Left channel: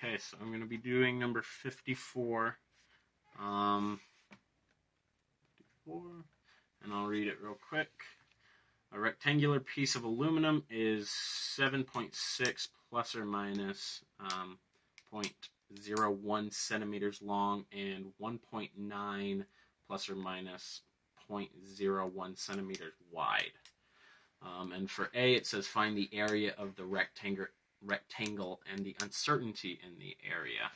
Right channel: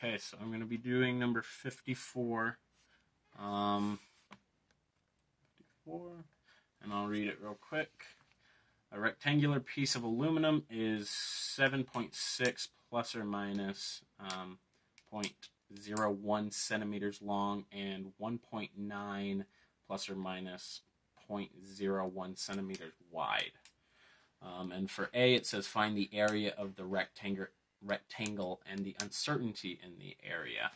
Okay, so I'm going to be doing number 54. 54, and I'll read it real quick. A rectangular piece of aluminum is 7.6 plus or minus 0.01 centimeters long and 1.9 plus or minus 0.01 centimeters wide. And for A, it says find the area of the rectangle and the uncertainty in the area.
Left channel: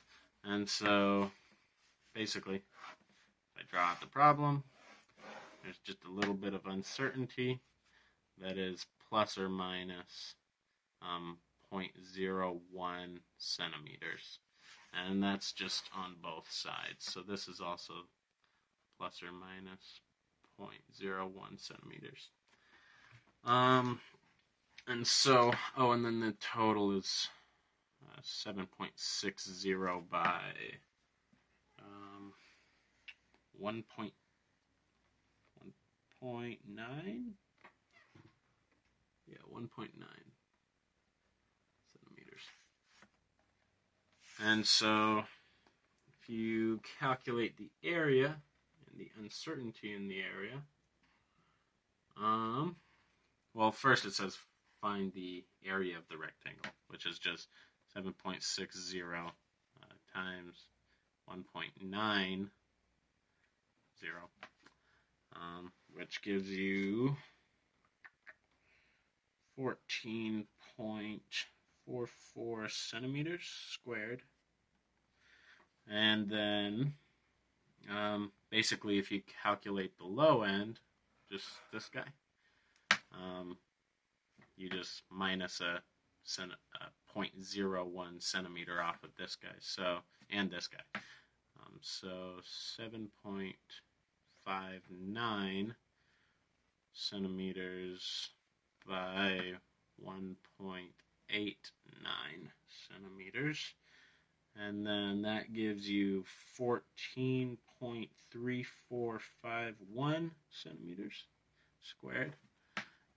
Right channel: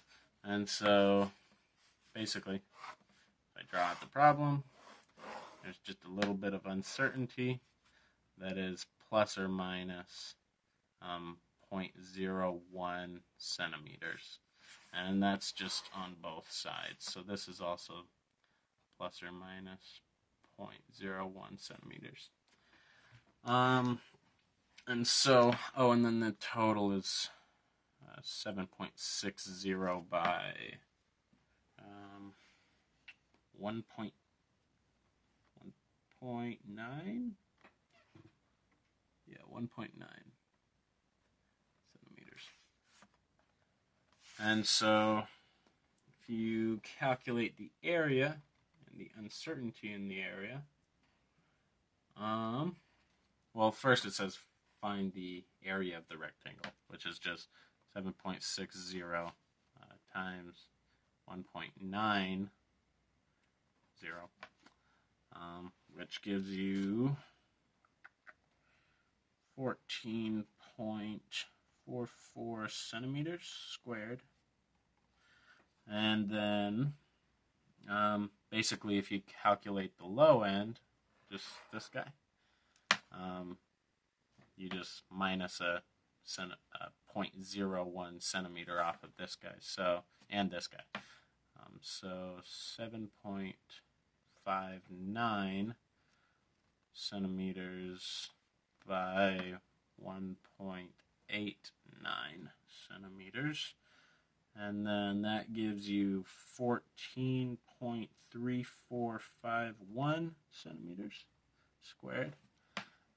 And so, basically, if I draw out the problem, there's just a little bit of uncertainty. That is plus or minus 0.01 centimeters. And that's just on both sides. So this is also plus or minus 0.01 centimeters. And so, and then the total is 7.60 by 1.9. Yeah, 1.9 centimeters. And so, if you calculate the area and the uncertainty in the area, well, first it says find the area of the rectangle, which is just 7.60 times 1.90, which gives you 14.44 centimeters squared. And then, basically, if you calculate the low end, just this guy, you just minus a 0.01 centimeter off of this guy, and this guy. So 7.59 centimeters by 1.89 centimeters. And then that gives you 14.3451 centimeters squared.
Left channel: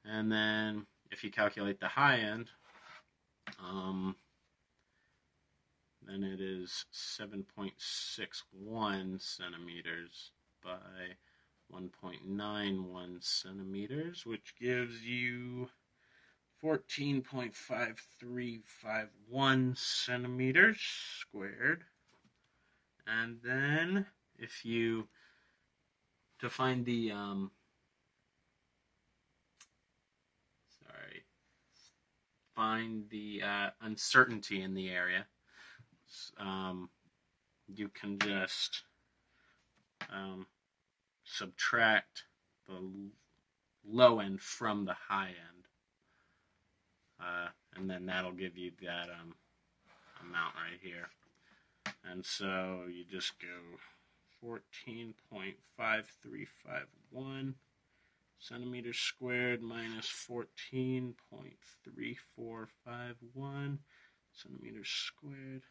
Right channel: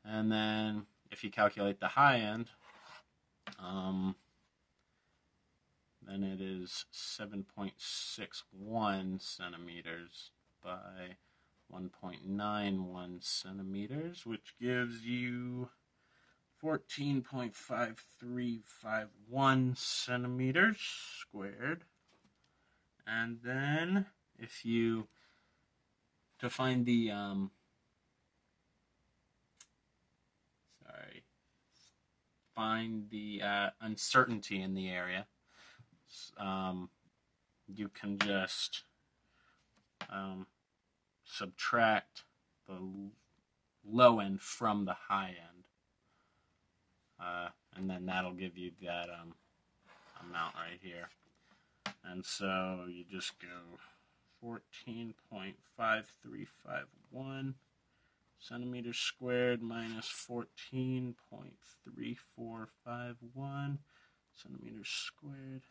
And then if you calculate the high end, then it is 7.61 centimeters by 1.91 centimeters, which gives you 14.5351 centimeters squared. And then if you, to find the, find the uncertainty in the area, you can just subtract the low end from the high end, and then that'll give you that amount right here. And so you just go 14.5351 centimeters squared minus 14.3451 centimeters squared.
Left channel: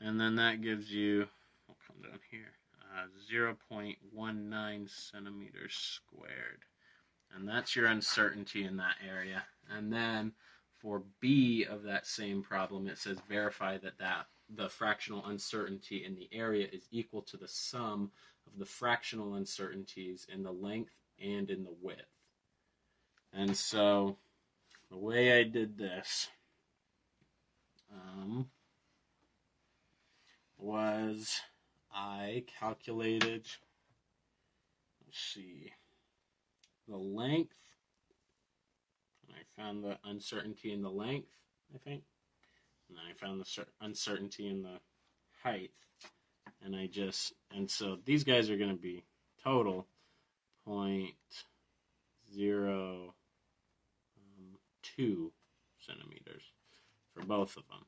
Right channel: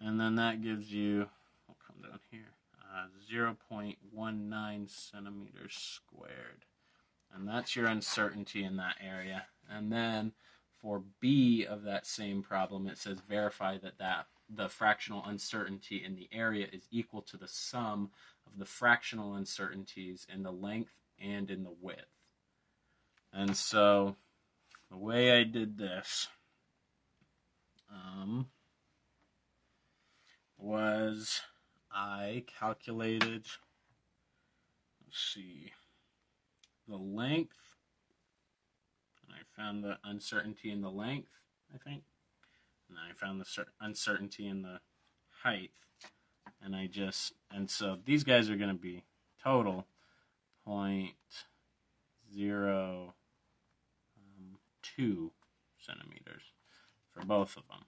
And then that gives you, I'll come down here, 0.19 centimeters squared. And that's your uncertainty in that area. And then for B of that same problem, it says verify that the fractional uncertainty in the area is equal to the sum of the fractional uncertainties in the length and in the width. And so the way I did this was I calculated, let's see, the length, and I found the uncertainty in the length, I think, and then I found the uncertainty in the height, and so these guys are going to be total 0.02 centimeters for both of them,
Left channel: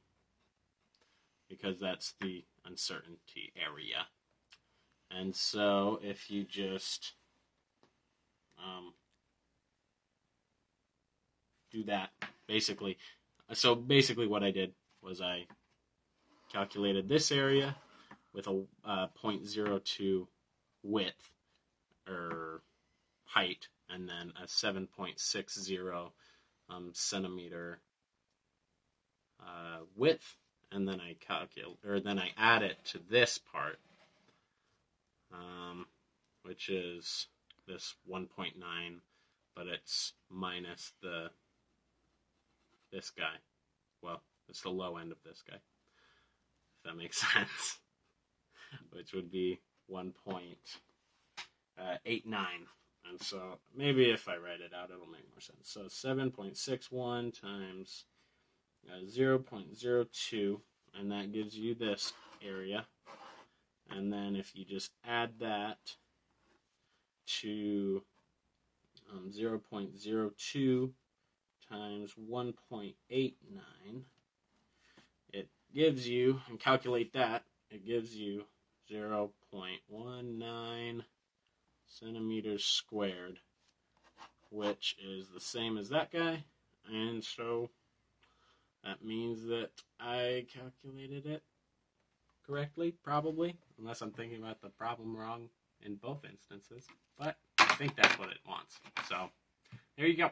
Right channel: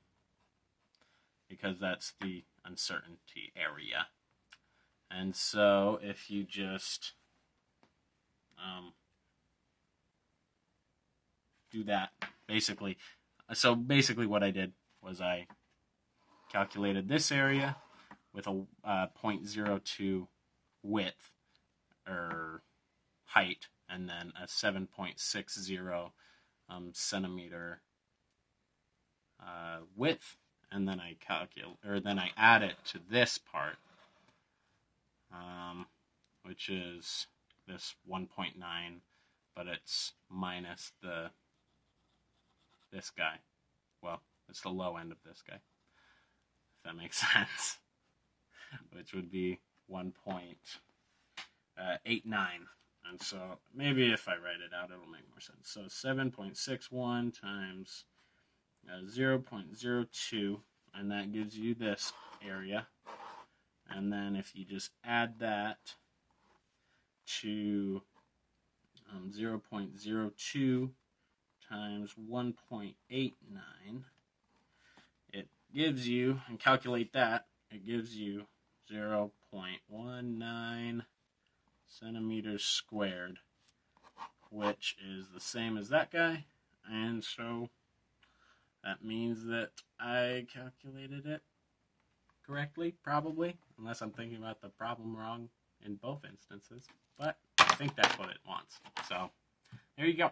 because that's the uncertainty area. And so if you just do that, basically what I did was I calculated this area with a 0.02 width or height, and then a 7.60 centimeter width, and then I then I add it to this part, which is this 1.9, but it's minus this guy. Well, it's the low end of this guy, if that makes sense, which would be 1.89. And so maybe if I write it out, it'll make more sense. So 7.61 times 0.02, and that gives you this area. And then if you just add that to 0.02 times 1.89, it gives you, and calculate that, it gives you 0.19 centimeters squared, which is the same as that guy, and so that means that I calculated it correctly, probably, unless I'm thinking about the problem wrong in both instances, but I think that's what it wants. So there you go.